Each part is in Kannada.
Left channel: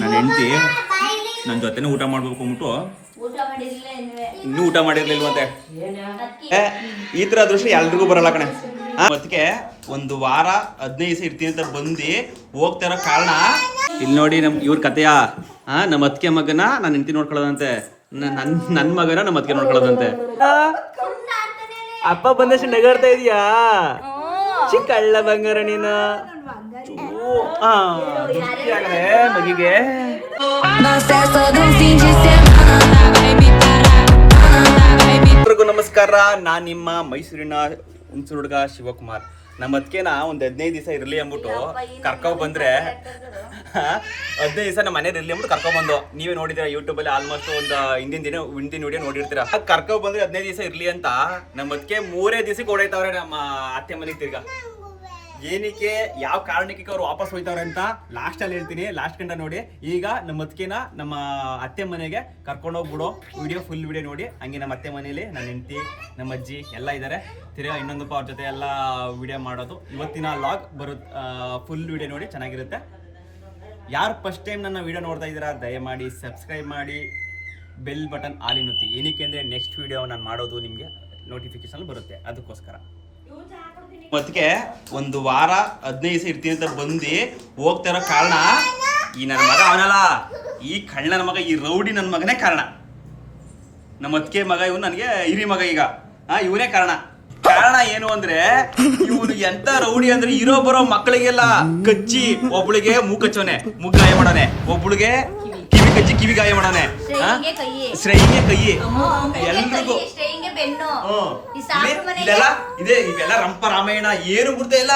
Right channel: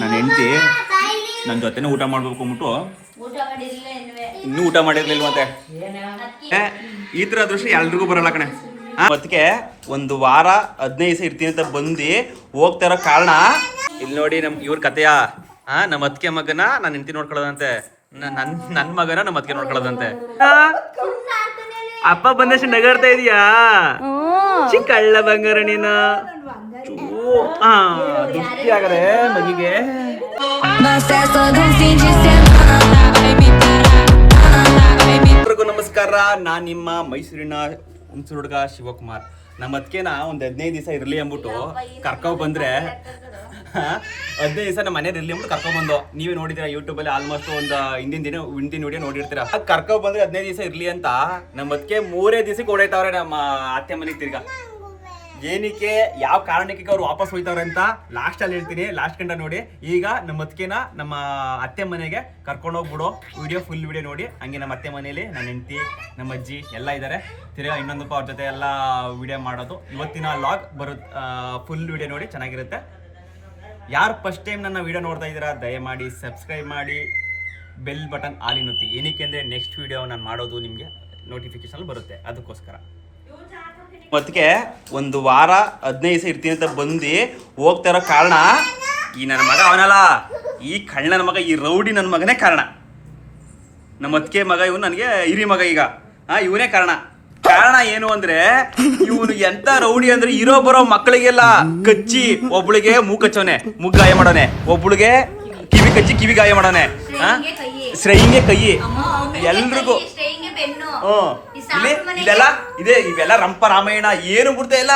ನನ್ನ ಹೆಂಡತಿ ನನ್ನ ಜೊತೆನೇ ಊಟ ಮಾಡ್ಬೇಕು ಅಂದ್ಬಿಟ್ಟು ಇನ್ನೂ ಊಟ ಮಾಡಿರ್ಲಿಲ್ವಂತೆ. ಈ ತರ ಅದೃಷ್ಟ ಎಲ್ರಿಗೂ ಬರಲ್ಲ ಕಣೆ. ಅದಕ್ಕೆ ಒಂದು ವಾರ 15 ದಿವಸ ಇರ್ತೀನಿ ಅಂತ ಬಂದು ಹೋಗ್ತಾ ಇರೋ ಕಾರಣ ಇಲ್ಲಿ ನೋಡಿ. ಇವ್ರ ಕತೆಯ ನಮ್ಮ ಅತ್ತಿಗೆ ಮಗನ ನಾನು ಹೆಂಡತಿ ನೋಡ್ಕೊಳ್ಳೋದಂತೆ, ನನ್ನ ಮಗನ ನಮ್ಮ ಅತ್ತಿಗೆ ನೋಡ್ಕೊಳ್ಳೋದಂತೆ. ಅಪ್ಪ ಬಂದಷ್ಟು ನಗಾಡ್ತಾ ಇದೀಯಾ ಚಿಕ್ಕಳ್ಳ ಬಂಗಾರ ನೀನು. ದುಃಖಿ ಆಗದೆ ಮಗಿಗೆ. ನಮಸ್ಕಾರ, ನಾನ್ ನಿಮ್ಮ ಮೈಸೂರಿನ ಹುಣಸೂರು ಹುಡುಗ ಶಿವಕುಮಾರ್. ನಮ್ಮ ಅದಕ್ಕೆನ ಒಂದ್ 15 ದಿವಸ ಇರ್ಲಿ ಅಂದ್ಬಿಟ್ಟು ಕರ್ಕೊಂಡ್ ಬಂದ್ರೆ 15 ದಿವಸ ನಮ್ಮ ಮನೇಲಿ ಇರ್ಲಿ ಅಂದ್ಬಿಟ್ಟು ಕರ್ಕೊಂಡ್ ಬಂದು. ನೀವೇ ನೋಡಿದ್ದೀರಾ ಯೂಟ್ಯೂಬ್ ಅಲ್ಲಿ ಆಲ್ಮೋಸ್ಟ್ ಒಂದು ಹಿಂದಿನ ವಿಡಿಯೋ ನೋಡಿರ್ತೀರಾ. ಕರ್ಕೊಂಡ್ ಬಂದ್ರೆ 15 ದಿವಸ ಇರ್ಲಿ ಅಂತ ನಮ್ಮ ಅದಕ್ಕೆ 3 ದಿವಸಕ್ಕೆ ಓಡಾಯ್ತವ್ರೆ ನಮ್ಮ ಅತ್ತೆ ಮನೆಗೆ. ತಿರ್ಗಾ ಏನಕ್ಕೆ ಯಾವ ಕಾರಣಕ್ಕೆ ಅವ್ರು ವಾಪಸ್ ಹೋಯ್ತವ್ರೆ ಅಂತ ಲಾಸ್ಟ್ ಅಲ್ಲಿ ಹೇಳ್ತೀನಿ, ಲಾಸ್ಟ್ ಗಂಟ ನೋಡಿ. ಈಗ ನಮ್ಮ ಅತ್ತಿಗೆನ ನಮ್ಮ ಅತ್ತೆ ಮನೆಗೆ ಕರ್ಕೊಂಡೋಗ್ಬಿಡು. ಫುಲ್ ವಿಡಿಯೋ ನೋಡಿ. ಹಂಗೆ ನಮ್ಮ ಅತ್ತೆ ಮನೇಲಿ ನನ್ನ ಹೆಂಡತಿ, ನಮ್ಮ ಅಜ್ಜಿ ಎಲ್ಲ ಇದ್ದಾರೆ. ತಿರ್ಗಾ ಇನ್ನೊಂದಪ್ಪ ಅವ್ರ ಜೊತೆ ಎಲ್ಲ ವಿಡಿಯೋ ಮಾಡೋದು. ಇವತ್ತಿನ ಲಾಗ್ ಬರುತ್ತೆ. ಫುಲ್ ವಿಡಿಯೋ ನೋಡಿ, ಚೆನ್ನಾಗಿರುತ್ತೆ. ಯಾರು ಫಸ್ಟ್ ಟೈಮ್ ನನ್ನ ವಿಡಿಯೋ ನೋಡ್ತಾ ಇದ್ದೀರಾ ದಯಮಾಡಿ ಸಬ್ಸ್ಕ್ರೈಬ್ ಮಾಡಿ, ಬೆಲ್ ಬಟನ್ ಆಲ್ ಒತ್ತಿ. ಏನಕ್ಕೆ ಅಂದರೆ ನೆಕ್ಸ್ಟ್ ವಿಡಿಯೋ ನಾನು ಮಾಡೋದು ನಿಮಗೆ ನೋಟಿಫಿಕೇಶನ್ ಬರುತ್ತೆ, ಅದಕ್ಕೋಸ್ಕರ. ಮತ್ತಿಗೆ ಒಂದು ವಾರ 15 ದಿವಸ ಇರ್ತೀನಿ ಅಂತ ಬಂದು ಹೋಗ್ತಾ ಇರೋ ಕಾರಣ ಈ ನನ್ನ ಮಗ ಅವನಲ್ಲ, ಈ ಕಳ್ಳ ನನ್ನ ಮಗ, ಈ ರೌಡಿ ನನ್ನ ಮಗನೇ ಕಾರಣ. ನಮ್ಮ ಅತ್ತಿಗೆ ಮಗ ಇವನು, ನನಗೆ ಹಿರಿ ಮಗ. ಈಗ ಇವನೇ ಕಾರಣ. ಏನು ಅಂದ್ರೆ ಇವನು ಎಂತ ರೌಡಿ ಅಂದ್ರೆ ಇರೋ ಬರೋ ಮಕ್ಕಳಿಗೆಲ್ಲ ಕಚ್ಚಿ, ಒಬ್ಳಿಗೆ ಮೂಕಚ್ಚೋನೆ, ಗಾಯ ಮಾಡೋನೆ, ಒಬ್ಳಿಗೆ ಕಿವಿ ಕಚ್ಚಿ ಕಿವಿ ಗಾಯ ಮಾಡೋನೆ, ಶ್ರೇಯಿಗೆ ಕೈ, ಎಲ್ರಿಗೂ. ಇವೆಲ್ಲ ರಂಪ ರಾಮಾಯಣ ಏನು ಬಿಡ್ತಾ ಇಲ್ಲ.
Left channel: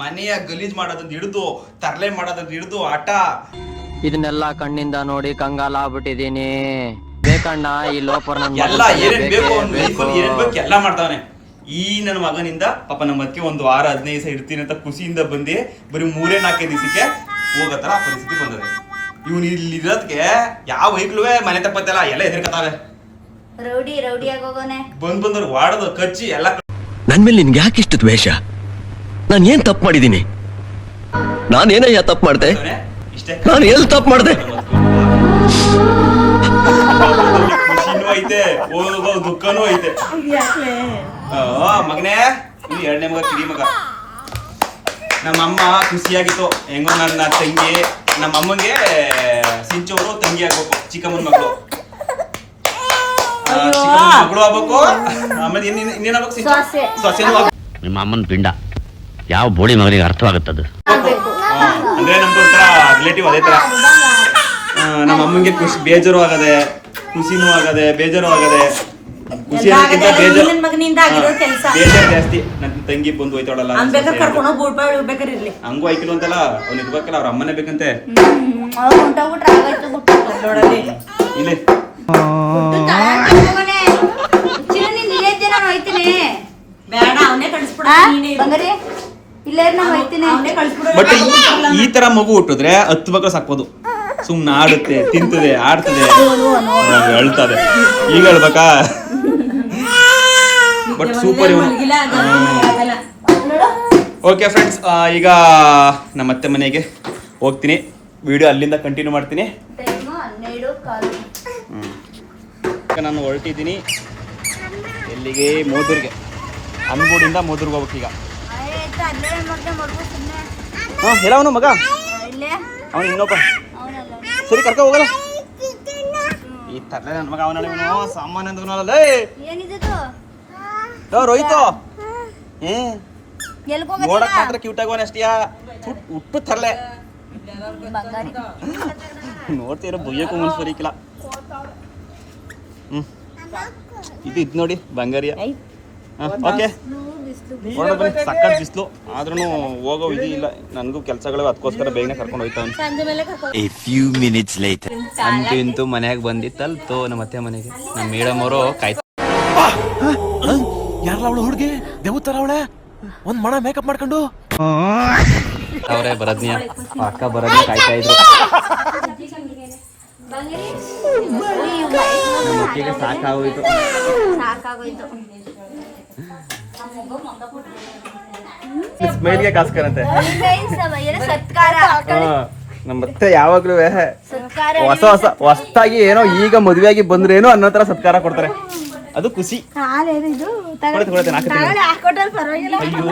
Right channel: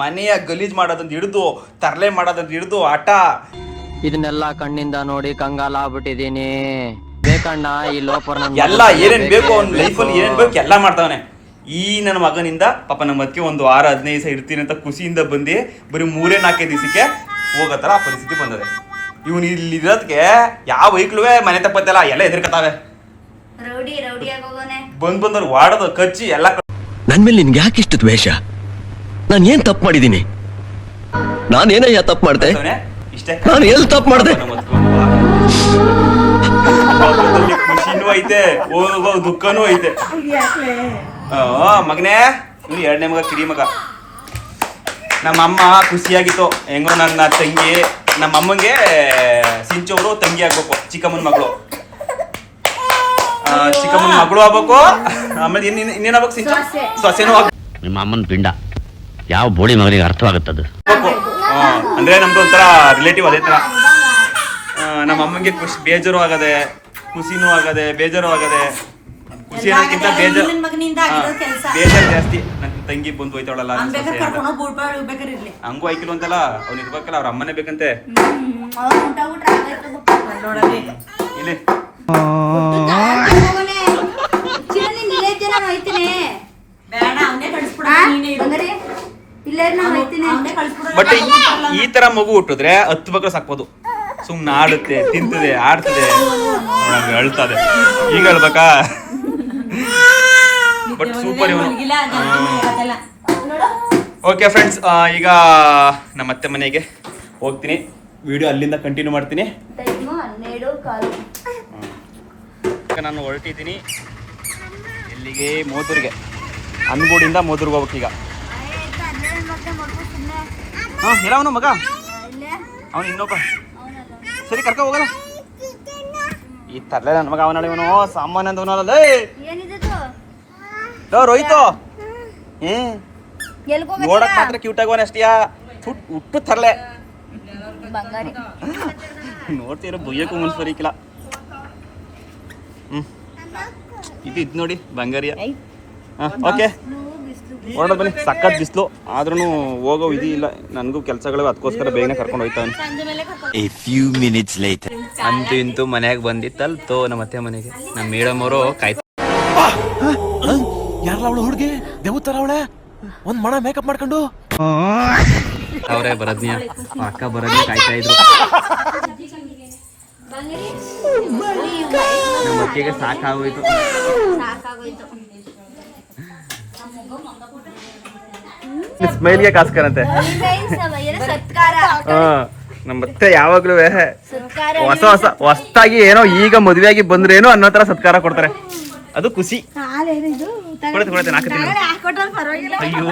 ಮನೆಯ ಗಲೀಜ್ ಮಾಡೋದಂತ ಹಿಡಿದು, ತರಲೆ ಮಾಡೋದಂತ ಹಿಡಿದು, ಆಟ. ಇದನ್ನೆಲ್ಲ ಕಣ್ಣಿಂದ ನೋಡಿ ಕಂಗಾಲ ಆಗ್ಬಿಟ್ಟಿದೀನಿ. ಬೇಕಣ್ಣ ಈ ಲೋಪರ್ ಎಲ್ಲ ಏನೇನ್ ಬೇಕು ಲೈಫಲ್ಲಿ ಏನೇನ್ ಬೇಕು ಎಲ್ಲ ಮಾಡ್ತಾವನೆ. ಈ ನನ್ನ ಮಗನಿಂದ ಪಾಪ ನಮ್ಮ ಅತ್ತಿಗೆ ಒಂದು ವಾರ 15 ದಿವಸ ಇರ್ತೀನಿ ಅಂತ ಖುಷಿಯಿಂದ ಬಂದು ಬರೀ 3-4 ದಿವಸಕ್ಕೆ ಹೋಗತ್ತರ ಆ ಪರಿಸ್ಥಿತಿ ಬಂದದೆ. ಇವನು ಇಲ್ಲಿ ಇರೋದಕ್ಕೆ ಯಾವ ವೈಕ್ಲೂ ಮನೆ ತಪ್ಪತ್ತಲ್ಲ, ಎಲ್ಲ ಎದುರ್ಕತಾವೆ. ಬಂದವ್ರು ವಾಡೋದು ಕಚ್ಚಿ ಎಲ್ಲ. ನನ್ ಮೇಲೆ ನಿನ್ಗೆ ಯಾಕೆ ಇಷ್ಟು ದ್ವೇಷ? ನಾನು ಏನ್ ತಪ್ಪು ಮಾಡಿದೀನಿ? ನಾನೇನಯ್ಯ ತಪ್ಪು ಮಾಡ್ದೆ? ಇಷ್ಟೇ, ನಾನು ಎಲ್ಲಿ ತಪ್ಪು ಮಾಡ್ದೆ? ಖುಷಿನೂ ಐತೆ, ದುಃಖನೂ ಐತೆ. ಮಗನೇ, ನೀನು 2ನೇ ಮಗ, ಕಿಡಿ ಮಗ. ನಮ್ಮಮ್ಮ ಖುಷಿಯಾಗಿತ್ತು. ಹೆಂಗೋ ನನ್ನ ತಂಗಿ, ನಮ್ಮಮ್ಮಂಗೆ ಸಿಂಚವರು ತಂಗಿ ಆಗ್ಬೇಕು, ಚಿಕ್ಕಮ್ಮನ ಮಗಳು. ಚಿಕ್ಕಮ್ಮನ ಮಗಳು ಆಗ್ಬೇಕು. ಆಮೇಲೆ ಇನ್ನೇನಾಗ್ಬೇಕು? ಸೊಸೆನೂ ಆಗ್ಬೇಕು. ನಿಮ್ಮ ಅಮ್ಮನ ಪಿಂಡ ಯಾವ ಬೋಳಿ ಮಗನಿಗೆ ಅರ್ಥವಾಗುತ್ತದು. ಅಂದ್ರೆ ನಮ್ದು ಒಂಥರ ರಿಲೇಟಿವ್ ಅದೇ ತರ. ನಮ್ಮ ಅಮ್ಮಂಗೆ ಬೇಜಾರು ಆಗದೆ, ಖುಷಿನೂ ಆಗದೆ, ಬೇಜಾರು ಆಗದೆ. ಖುಷಿ ಅನ್ನೋಕ್ಕಿಂತ ಬೇಜಾರು ಜಾಸ್ತಿ. ನನ್ನ ತಂಗಿ ಬಂದು ಹೋಯ್ತಾಳಲ್ಲ, ಹಂಗೂ ಐಕಿಲು ಅಂತಲ್ಲ, ಅವ್ನು ಇರ್ಬೇಕಲ್ಲ, ಅವ್ರ ಅಮ್ಮನೇ ಬೇಕಂತೆ. ಇಲ್ಲಿ ಬಟ್ ಈ ತರ ಮಗು ಹುಟ್ಟಿದ್ರೆ 10 ಮಕ್ಕಳು ಸಾಕ್ಬೋದು. ಸುಮ್ನೆ ಆಡುತ್ತೆ, ತಿಂತದೆ, ಆಡ್ತದೆ, ಅಳ್ತದೆ. ಈಗ ಹೇಳ್ಬೇಕಾ? But super. ಓಕೆ ಫ್ರೆಂಡ್ಸ್, ಈಗ ನಮ್ಮ ಅತ್ತೆ ಮನೆಗೆ ಹೋಗ್ತೀನಿ. ವಿಡಿಯೋ ಅಲ್ಲಿಂದ ಕಂಟಿನ್ಯೂ ಮಾಡ್ತೀನಿ. ನಾನು ಹೊರಟಿದ್ದೀನಿ ಎಲ್ಲಿಗೆ? ಮೋದೂರ್ಗೆ. ಅನ್ಗೂಡಿಂದ ಮೋದೂರ್ಗೆ ಹೋಗ್ಬೇಕು ಈಗ. ಎಲ್ಲ ಅವನು ಮಗ, ಅವನು ಇನ್ನೊಬ್ಬ. ಸರಿ ಕರ್ಕ ಹೋಗಲ್ಲ. ಈ ತರಲೆ ನನ್ನ ಮಗ ಅವನಲ್ಲ, ಇವನು ಸಾಮಾನ್ಯ ಅಂತ ಅವನಲ್ಲ. ರೋಹಿತು ನೋಡಕ್ ಮಾತ್ರ ಕ್ಯೂಟ್ ಆಗೋನೆ ಅಷ್ಟೇ, ಹುಟ್ಟು ತರಲೆ. ನೋಡ್ತೀರ ಬುಯ್ಯಕ್ಕೂ ಮನ್ಸು ಬರೀಕಿಲ್ಲ. ಇದು ನೋಡಿ ಬಂಗಾರಿಯ. ಓಕೆ ಹೊರಡ ಬನ್ನಿ. ಸಖತ್ ಬಿಸಿಲು ಆದ್ರೂ ಹೋಗೋ ವಿಧಿ ಇಲ್ಲ. ನನಗೂ ಕೆಲಸಗಳು, ಅದಕ್ಕೋಸ್ಕರ ಬೇಗನೆ ಕರ್ಕೊಂಡು ಹೋಯ್ತಾವನಿ. ಅಂತೂ ಮನೆಯಾಗ ಬಂದಿತ್ತಲ್ತೋ ನಮ್ಮ ಅತ್ತೆ ಮನೆಗೆ. ನಮ್ಮ ಮೇಡಮ್ ಅವರು ಕಾಯ್ತಾ ಯಾರಲ್ಲ ಅವಳು ಹುಡುಗಿ ದೇವತರ ಅವಳೆ, ಒಂದ್ ಮಣ ಮೇಕಪ್ ಮಾಡ್ಕೊಂಡು ಅವರೇ ಬರದ್ನಿಯ ಅಕ್ಕ ಬರದ್ನಿ ಕಾಯ್ತಾ ಇದ್ರು. ನಮ್ಮ ಅಕ್ಕಿಗೆ ಸಾಕಾಗೋಯ್ತು. ಸ್ಮೈಲ್ಗೆ ಕಾಸ್ಕರಂತೆ. ಮತ್ತೆ ಯಾವಾಗ್ಲೂ ಹೊಸದಾಗಿ ಏನೋ ಈಗ ಮದುವೆಯಾಗಿ ಬಂದ್ರೇನು ಅನ್ನೋ ತರ ಸತ್ಕಾರ ಕೊಡ್ತಾರೆ, ಅದು ಖುಷಿ. ಕೊಡ್ತೇನೆ ಹಾಕ್ತೀನಿ. ಅಯ್ಯೋ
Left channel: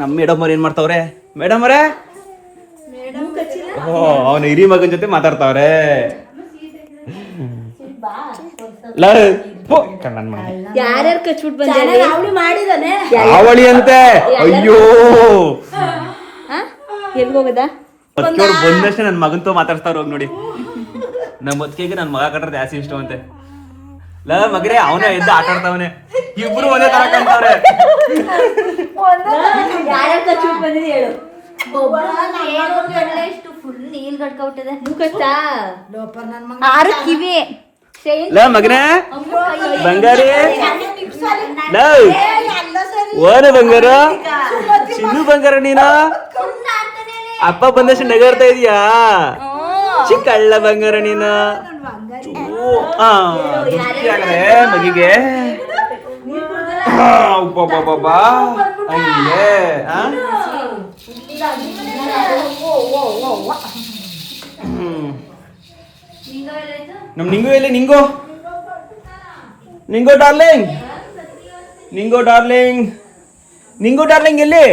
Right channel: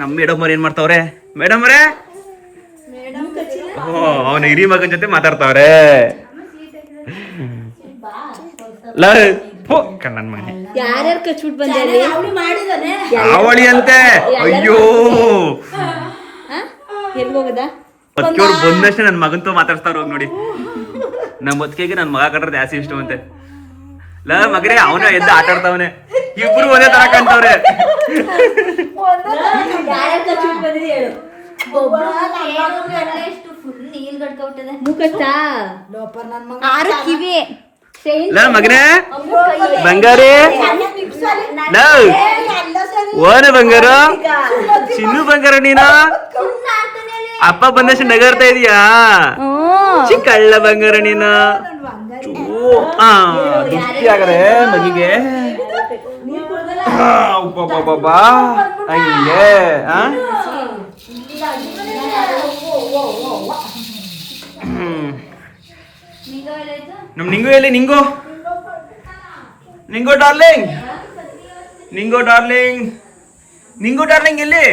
ನಮ್ಮ ಮೇಡಮ್ ಅವ್ರು ಏನ್ ಮಾಡ್ತಾವ್ರೆ? ಮೇಡಮ್ ಅವರೇ, ಓ ಅವನ ಹಿರಿ ಮಗನ ಜೊತೆ ಮಾತಾಡ್ತಾವ್ರೆ. ಕಣ್ಣನ್ ಮನೆ ಅವಳಿ ಅಂತೆ. ಅಯ್ಯೋ ಅದಕ್ಕೆವ್ರು ಬಂದಷ್ಟೇ ನನ್ ಮಗಂತೂ ಮಾತಾಡ್ತಾರ ಹೋಗಿ ನೋಡಿ. ನಮ್ಮ ಮದ್ಕೆಗೆ ನನ್ ಮಗ ಕಟ್ರೆ ಜಾಸ್ತಿ ಇಷ್ಟವಂತೆ. ಮಗರೇ ಅವನ ಎದ್ದು ಆಟ ಆಡ್ತಾವನೆ, ಇಬ್ರು ಒಂದೇ ತರ ಕಾಣ್ತಾವ್ರೆ. ಮಗನೇ ಬಂಗಾರಿ, ಓನ ಬಂಗಾರ, ಚಿನ್ನು ಬಂಗಾರ, ನೀನ ಅಪ್ಪ ಬಂದಷ್ಟು ನಗರ್ತಾ ಇದೀಯಾ? ಚಿಕ್ಕಳ್ಳ ಬಂಗಾರ ನೀನು. ದುಃಖಿ ಆಗದೆ ಮಗಿಗೆ ಬಾಬಾ ಹಂಗೆ. ನಮ್ ನಿಂಗು ಎಲ್ಲಿ? ನಿಂಗು ಡಾರ್ಲಿಂಗ್, ನಿಂಗು ಡಾರ್ಲಿಂಗ್ ಎಲ್ಲಿ?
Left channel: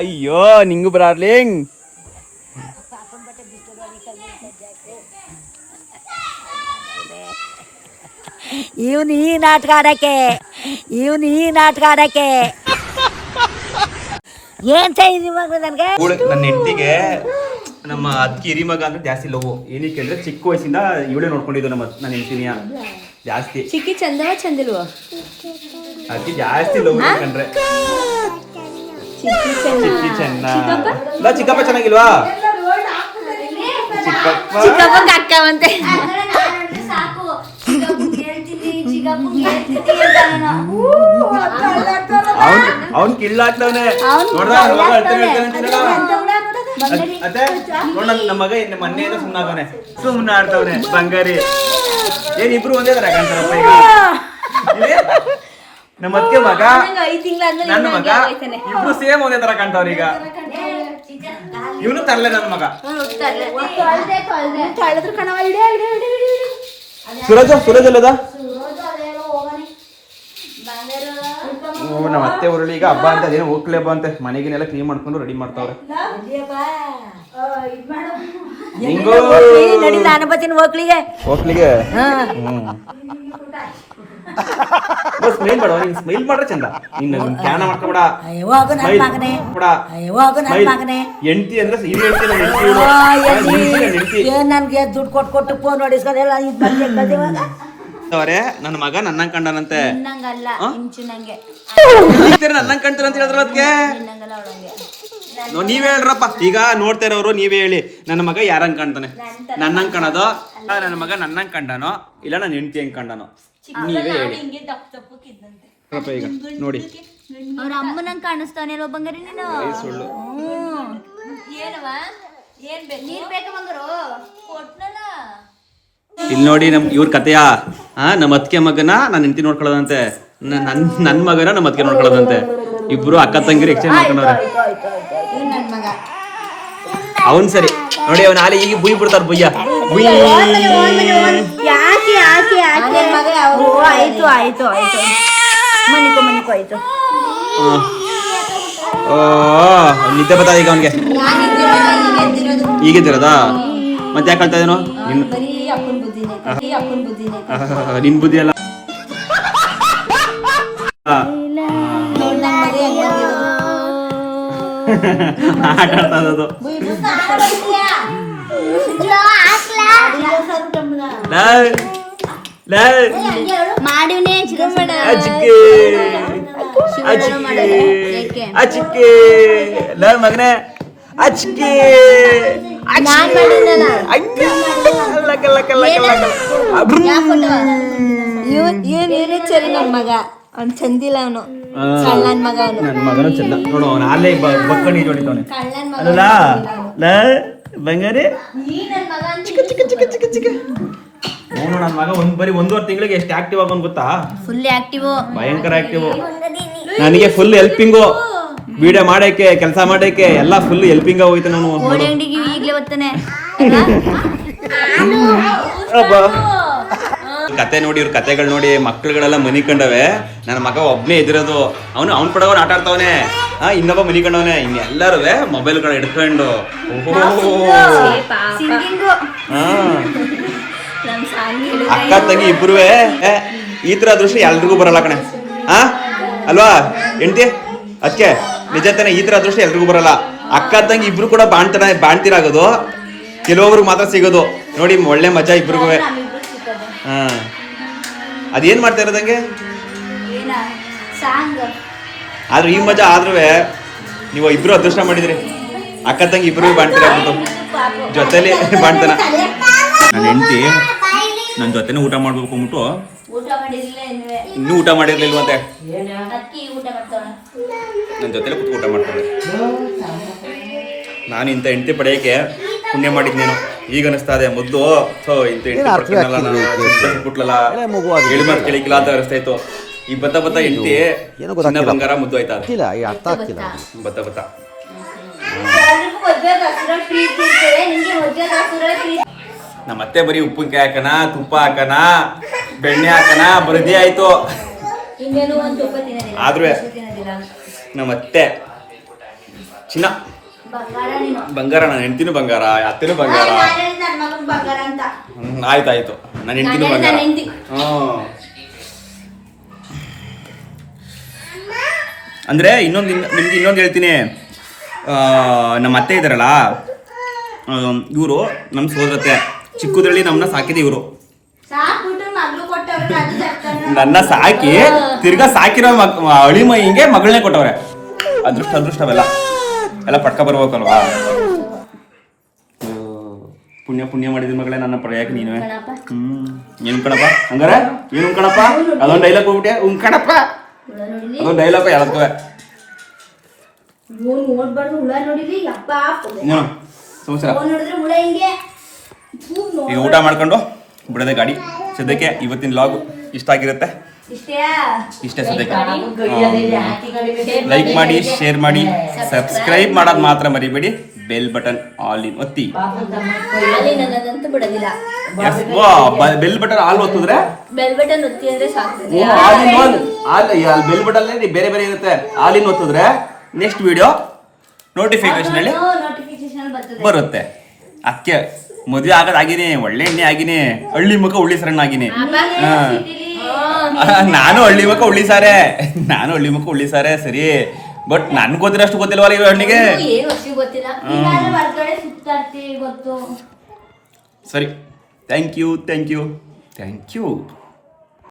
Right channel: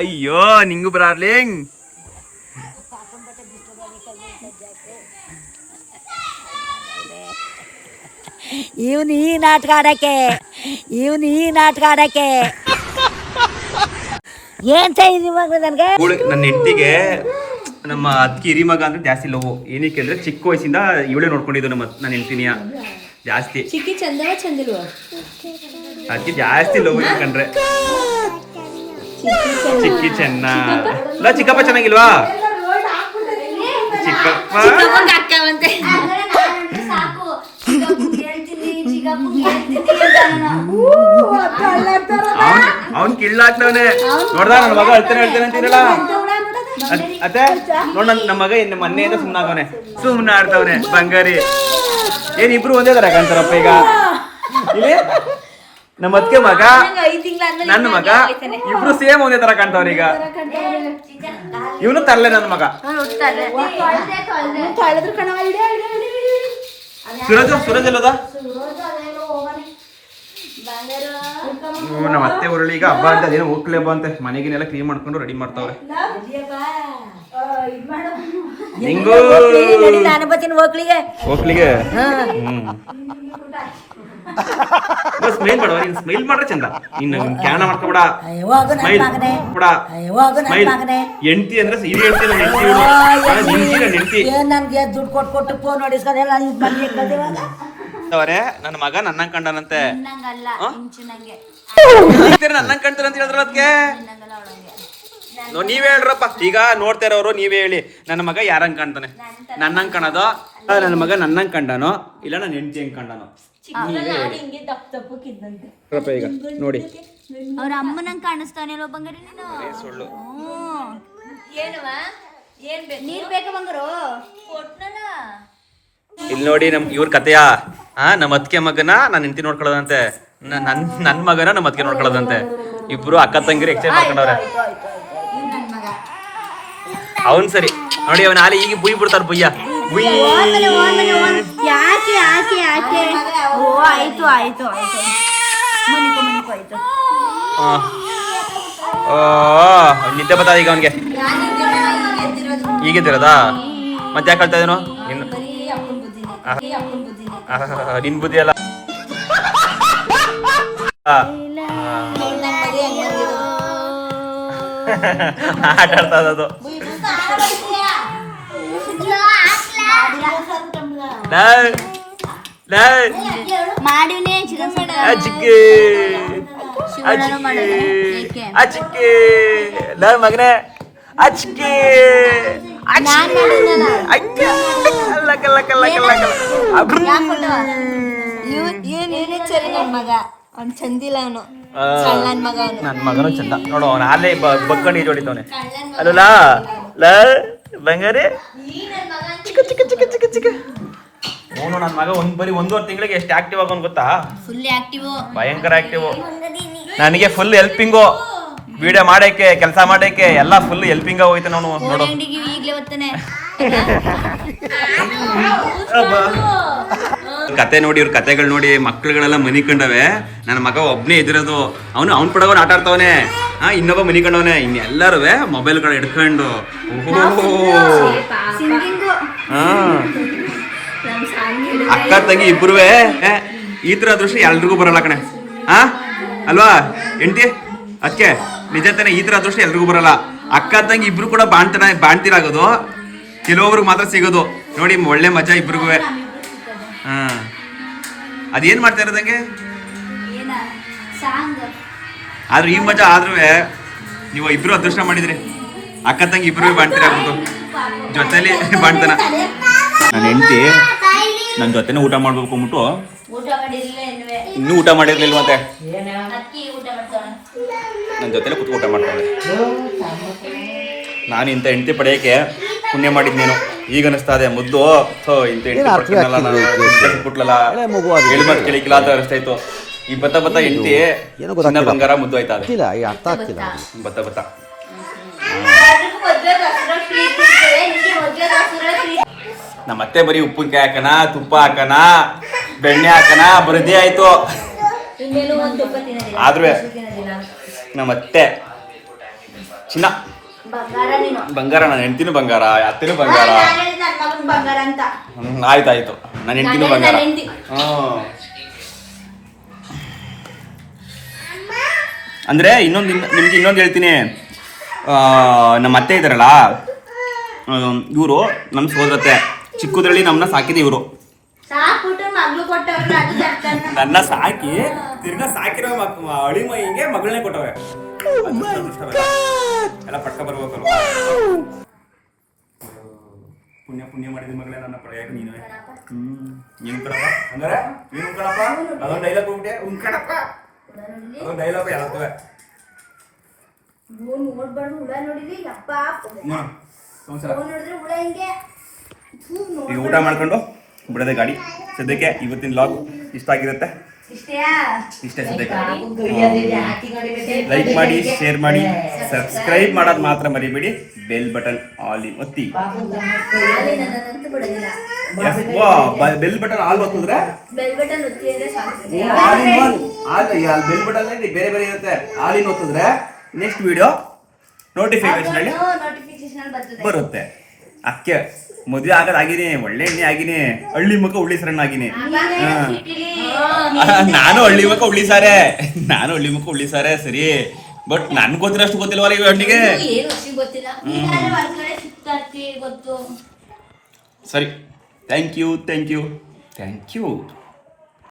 ಅಯ್ಯೋ ನಿಂಗು ಡಾರ್ಲಿಂಗ್. ಇವನು ಈ ನಾಟಕ ಆಡಕ್ಕೆ ಏನ್ ಇವಾಗ ನನಗೆ ನನ್ನ ಹೆಂಡತಿಗೆ ನಮ್ಮ ಅದ್ಕಿ ಹಿರಿ ಮಗ ಅಂದ್ರೆ ಜಾಸ್ತಿ ಲವ್. ಏನಕ್ಕೆ ಅಂದ್ರೆ ಚಿಕ್ಕ ವಯಸ್ಸಿಂದ ಇವಳೇ ನೋಡ್ಕೊಂಡಿದ್ದು ನನ್ನ ಹೆಂಡತಿನಿಯ ಜಾಸ್ತಿ. ಚಿಕ್ಕಿ ಚಂದವ ಚಂದಿಲ್ವ? ಅದಕ್ಕೆ ಜಾಸ್ತಿ ಲವ್ ಕಂಡ್ರೆ. ಚಿಕ್ಕಿ ಚೆನ್ನ. ಚಿಕ್ಕಪ್ಪ ಚೆನ್ನಾಗಿಲ್ವಾ? ಚಿಕ್ಕಪ್ಪ ಅಕ್ಕವಂತೆ ಅವನ್ ಕಿಳ್ಳಾಗ್ತವನೆ. ನೋಡ್ದ ನನ್ನ ಮಗ ಹೇಳ್ತೇನೆ ಅಂತೀನಲ್ಲ ಅತ್ತೆ. ನೋಡ್ ನಮ್ಮ ಮಗ ಮೊನ್ನೆಯಿಂದ ಸುಮ್ಮನಾಗವನೆ, ಸುಮ್ಮನೆ ಆಡ್ತವನೆ. ಬಂಗಾರಿ ಏನ್ ಇಬ್ರು ಒಂದೇ ತರ ಕಾಣ್ತಾರಪ್ಪ ಈಗ. ನಮ್ಮ ಅತ್ತಿಗೆ ಮಗ ನನ್ನ ಮಗ ಇಬ್ರು ಸೇಮ್ ಒಂದೇ ತರ ಕಾಣ್ತಾವ್ರ ಈಗ. ಇವನು ತರಲೆ ನನ್ನ ಮಗ. ಸುರಜ್ ಎಲ್ಲದ? ನಮ್ಮ ಅತ್ತೆ ಊರಲ್ಲಿ ಈಗ ಹಬ್ಬ ಅಂತ ಅದೇನೋ ಹೋಗ್ಲೇ ಹಬ್ಬ ಅಂತೆ. ಮನೆಗಿನೆಲ್ಲ ಕ್ಲೀನ್ ಮಾಡ್ಕೊಂಡು ರೆಡಿ ಮಾಡ್ತಾವ್ರೆ. ನಾನು ಬರ್ತೀನಿ ಹೋಗ್ಲಿಗೆ. ಸ್ಮೈಲ್ ಮಾಡುವ, ನೀನ್ ಸ್ಮೈಲ್ ಮಾಡ್ರೆ ಚಂದ. ಇನ್ನು ಕ್ಯಾನ ಮಾಡ್ಕೊಬೇಡ. ಹೆಂಡತಿ ಅಂದ್ರೆ ನನ್ಗೆ ದುಡ್ಡು ಕೊಟ್ಟು ಫೋನ್ ನೋಡಿಸ್ಕೋದೆಲ್ಲ ನನ್ನ ಮಗ ನನ್ನಂಗ್ ಕಂಡನಂತೆ. ನನ್ನಂಗ್ ಕಂತಾರಂತ ಹೇಳಿದ್ರ ಅದಕ್ಕೆ ನೀವೇ ಹೇಳ್ರಪ್ಪ. ಈಗ ನೋಡ್ತಾ ಇರೋರು ನೀವೇ ಹೇಳಿ, ನನ್ನ ಮಗ ಯಾರಂಗ್ ಕಾಣ್ತಾನೆ? ನನ್ನಂಗ್ ಕಾಣೋದು? ನನ್ನ ಮಗ ನನ್ನಂಗ್ ಕಂಡನೋ ಇಲ್ಲ ನನ್ನ ಹೆಂಡತಿ ಹೆಂಗ್ ಕಂಡನೋ? ನೀವೇ ಹೇಳಿ ಈಗ ನೋಡಿ. ಅವ್ರ ಅಮ್ಮನಂಗ್ ಕಾಣಿಸ್ತಾನೆ ಬಂಗಾರಿ ನೀನು. ಇಲ್ಲಿ ನೋಡಿ ಇವ್ರ ಕತೆಯ ನಮ್ಮ ಅತ್ತಿಗೆ ಮಗನ ನನ್ನ ಹೆಂಡತಿ ನೋಡ್ಕೊಳ್ಳೋದಂತೆ, ನನ್ ಮಗನ ನಮ್ಮ ಅತ್ತಿಗೆ ನೋಡ್ಕೊಳ್ಳೋದಂತೆ. ಇಬ್ರು ಅಕ್ಕ ತಂಗಿರು ಎಕ್ಸ್ಚೇಂಜ್ ಮಾಡ್ಕೊಂಡವ್ರೆ. ಅವನ್ ಸರಿ ನೋಡಿ, ಅವನ್ ಆಲಿ ಈಗ ಬುಯ್ ಬಿಡ್ತಾರ. ಬುಯ್ಯ ಆಯ್ತು ಮನಿಕೋ ಆಯ್ತು. ನಿದ್ದೆ ಬರ್ತದ ಈಗ ಅವನ್ಗೆ. ಈಗಿದ್ದಿರೋದಾ? ಮತ್ತೆ ಯಾಕೆ ಹೇಳ್ತಾ ಇದೇನು ನಿನ್ ಬುದ್ಧಿ ಅಲ್ಲ. ಆಟ ಆಡ್ತಾ ಇರೋದು. ಮಗನೇ ಸರಿ ನನ್ ಮಗ ಅವ್ನ್ ಚಂದಿಲ್ಲ. ಅವನು ನನ್ ಮಗ. ನನ್ ಮಗನು ಚಂದ ನೋಡು. ಅವನ ಅಲ್ಲೇ ಬಕ್ಕಣಿ ಜೋಡಿತವನೆ ಅಲ್ಲ ಬಂಗಾರಿ. ಅವನು ನನ್ನ ಮಗ ಬರೀ 1.5 ತಿಂಗಳಿಗೆ ಎಷ್ಟು ಆಕ್ಟಿವ್ ಆಗೋನ್ ಗೊತ್ತಾ? ಫುಲ್ ಆಕ್ಟಿವ್, ಭಯಂಕರ ಆಕ್ಟಿವ್. ನನಗೆ ಫುಲ್ ಹೆಲ್ಪಿಂಗು, ವಿಡಿಯೋ ಮಾಡಕ್ಕೆ, ಕೆಲಸ ಮಾಡಕ್ಕೆ ಎಲ್ಲ ಫುಲ್ ಹೆಲ್ಪಿಂಗ್ ಹೋಯ್ತು. ನಾನು ಓಡಿ ಅಂಗಡಿಗೆ ಈಗಲೇ ಬರ್ತಾನೆ. ಕತೆ ನೋಡಿ, ಇವ್ರ ಕತೆಗಳು ನೋಡಿ ಮಕ್ಳುಗಳೆಲ್ಲ ಮನಿ ಕಂಡವೆ. ನನ್ನ ಮಗ ಒಬ್ನೇ ಇದಿರೋದು, ಅವ್ನು ಪಡಗೋನ್ ಆಟ ಆಡ್ತಾವನೆ, ಇನ್ನೊಬ್ಬ ಮನಿ ಕಂಡವನೆ, ಇನ್ನೆಲ್ಲರೂ ಮೊಬೈಲ್ಗಳು ಹಿಡ್ಕೊಂಡು ಸಿಂಗಿಂಗು ಅಕ್ಕ ತಂಗಿ ಇಬ್ರು ಈ ತರ ಅದೃಷ್ಟ ಎಲ್ರಿಗೂ ಬರಲ್ಲ ಕಣೆ. ಅಲ್ವಾ ಹೆಂಡತಿ? ಅದಕ್ಕೆ ನಿಜ ತಾನೆ, ಈ ತರ ಅದೃಷ್ಟ ಎಲ್ರಿಗೂ ಬರಲ್ಲ. ಅಕ್ಕ ತಂಗಿ ಇಬ್ರು ಕೂಡ ಬಾಣ್ತಿರಾಗೋದು, ಕೆಲವೊಬ್ರಿಗೆ ಮಾತ್ರ ಸಿಗೋದು. ನೋಡಿ ಒಳ್ಳೆ ಮಜಾ ಇಬ್ರಿಗೂ. ಅದೇನ್ ಮಾಡ್ತಾ ಇರೋದಂಗೆ ಆದ್ರೂ ಈ ಮಜಾ ಆದ್ರೂ ನೀವು ಇಬ್ರು ಅದೃಷ್ಟ ಮಾಡಿದ್ರಿ. ಅಕ್ಕ ತಂಗಿ ಇಬ್ರು ಬಾಣ್ತಿರಾಗ್ಬಿಟ್ಟು ಜೊತೆಲಿ ಬಾಣ್ತಾನ. ನನ್ನ ಹೆಂಡತಿ ನನ್ನ ಜೊತೆನೇ ಊಟ ಮಾಡ್ಬೇಕು ಅಂದ್ಬಿಟ್ಟು ಇನ್ನೂ ಊಟ ಮಾಡಿರ್ಲಿಲ್ವಂತೆ, ನನ್ನ ಜೊತೆಲೆ ಕುತ್ಕೊಂಡು ಊಟ ಮಾಡ್ತಾಳೆ. ನಾನು ಇಂಥ ಹೆಂಡತಿ ಪಡೆಯೋಕೆ ಪುಣ್ಯ ಮಾಡಿದ್ನೇನು ಈಗ ಅನಿಸ್ತಾ ಇದೆ. ಮುದ್ದು ಇಂಥ ಹೆಂಡತಿ ಬಿಟ್ಲಲ್ಲ, ಹೇಳ್ಮತ್ ಕೇಳಿಕಿಲ್ಲ ಅಂತ ಅನಿಸ್ತಾ ಇತ್ತು. ಈ ಬತ್ತ ಹೆಂಡತಿ ಚಿನ್ನ ಬಂಗಾರ ಮುದ್ದು ಆಯ್ತಾ ಅರ್ಥ ಆಗ್ತಿಲ್ಲ. ಬತ್ತ ನಮ್ಮ ಅತ್ತೆ ಬರೀ ಉಪ್ಪಿನಕಾಯಿ ಹಾಕನ, ತುಪ್ಪ ಹಾಕನ, ಬೆಣ್ಣೆ ಹಾಕನ, ಬರದೇ ಆಯ್ತು. ಆದ್ರೂ ನಮ್ಮ ಅತ್ತೆ ಚಿನ್ನ ಬಂಗಾರ, ನನ್ನ ಹೆಂಡತಿನೂ ಬಂಗಾರ, ಅತ್ತೆನೂ ಬಂಗಾರ. ಆಯ್ತಾಯ್ತು, ನನ್ನ ಹೆಂಡತಿನೂ ಬಂಗಾರ. ಅಂದ್ರೆ ನಿಮ್ಗೆ ಇನ್ನೊಂದು ಹೇಳ್ತೀನಿ. ನಮ್ಮ ಅತ್ತೆ ಇದಾರಲ್ಲ, ಇವರು ನಮ್ಮ ಸೋದರತ್ತೆ, ಚಿಕ್ಕದ್ರಲ್ಲಿ ನಮ್ಮನ್ನ ಸಾಕಿದೆ ಇವರು. ನನ್ನ ಸಾಕಿ ತಿರ್ಗಾ ಸಾಕಿರೋ ಅಳಿ ಮೈಗೆ ಮಗಳನ್ನೇ ಕೊಟ್ಟವ್ರೆ. ಅದೃಷ್ಟವೆಲ್ಲ ಎಲ್ಲ ಪಟ್ಕ ಬರ್ಬೇಕಲ್ವಾ. ಪುಣ್ಯ ಮಾಡಿದ ಮಗಳೇ ನನ್ನ ಪಡೆಯಕ್ಕೆ ನೀನುವೆ. ಏನು ಕಣಪ್ಪ ಹಂಗಾರೆ, ಏನು ಕಣಪ್ಪ ಅದೊಂದು ಡೈಲಾಗ್ ಹೋಗ್ಬಿಟ್ಟೆ. ಕಣಪ್ಪ ಅದೊಂದು ಡೈಲಾಗ್ ಯಾವ್ದಕ್ಕವೆ ಸಮಾಚಾರ. ಈಗ ಊಟ ಮಾಡ್ಕೊಂಡು ಬಿಡೋದೆ ಗಾಡಿ. ಸದ್ಯಕ್ಕೆ ಇವತ್ತಿನ ಲಾಗ್ ಇಷ್ಟ ಆಗಿರುತ್ತೆ. ಇಷ್ಟೇ ಸದ್ಯಕ್ಕೆ. ಲೈಕ್ ಮಾಡಿ, ಶೇರ್ ಮಾಡಿ, ಸಬ್ಸ್ಕ್ರೈಬ್ ಮಾಡೋದು ಮಾತ್ರ ಮರಿಬೇಡಿ. ಬೆಲ್ ಬಟನ್ ಆಲ್ ಇನ್ ಒತ್ತಿ. ಬೆಲ್ ಬಟನ್ ಆಲ್ ಒತ್ತಿದ್ರೆ ಬೆಲ್ ಬಟನ್ ಒತ್ತಿ ಅಂದ್ರೆ ಸಾಕು. ಬೆಲ್ ಬಟನ್ ಬೇರೆ ಬೇರೆ ಇರುತ್ತೆ. ಆಲ್ ಇನ್ ಒತ್ತಿದ್ರೆ ನೆಕ್ಸ್ಟ್ ವಿಡಿಯೋ ನೋಟಿಫಿಕೇಶನ್ ಅಲ್ಲಿ ಬರುತ್ತೆ. ಅದಕ್ಕೆ ಮದುವೆ ಆಗೋದಾಗಿನಿ, ಒಳ್ಳೆ ಎಣ್ಣೆ ಆಗಿನಿ, ಹಳ್ಳಿ ಮುಖ ಉಳ್ಳಿ ಸರಣ್ಣ ಆಗಿನಿ. ನಾನು ಹಳ್ಳಿ ಮುಖ ಉಳ್ಳಿ ಸಾರೆ ಸರಿ. ಬಟ್ ನನ್ ಗೊತ್ತಿರಷ್ಟು ಗೊತ್ತಿಲ್ವಲ್ಲ ಇವ ಹಣ್ಣಿಗೆ. ಸರಿ, ಥ್ಯಾಂಕ್ ಯು.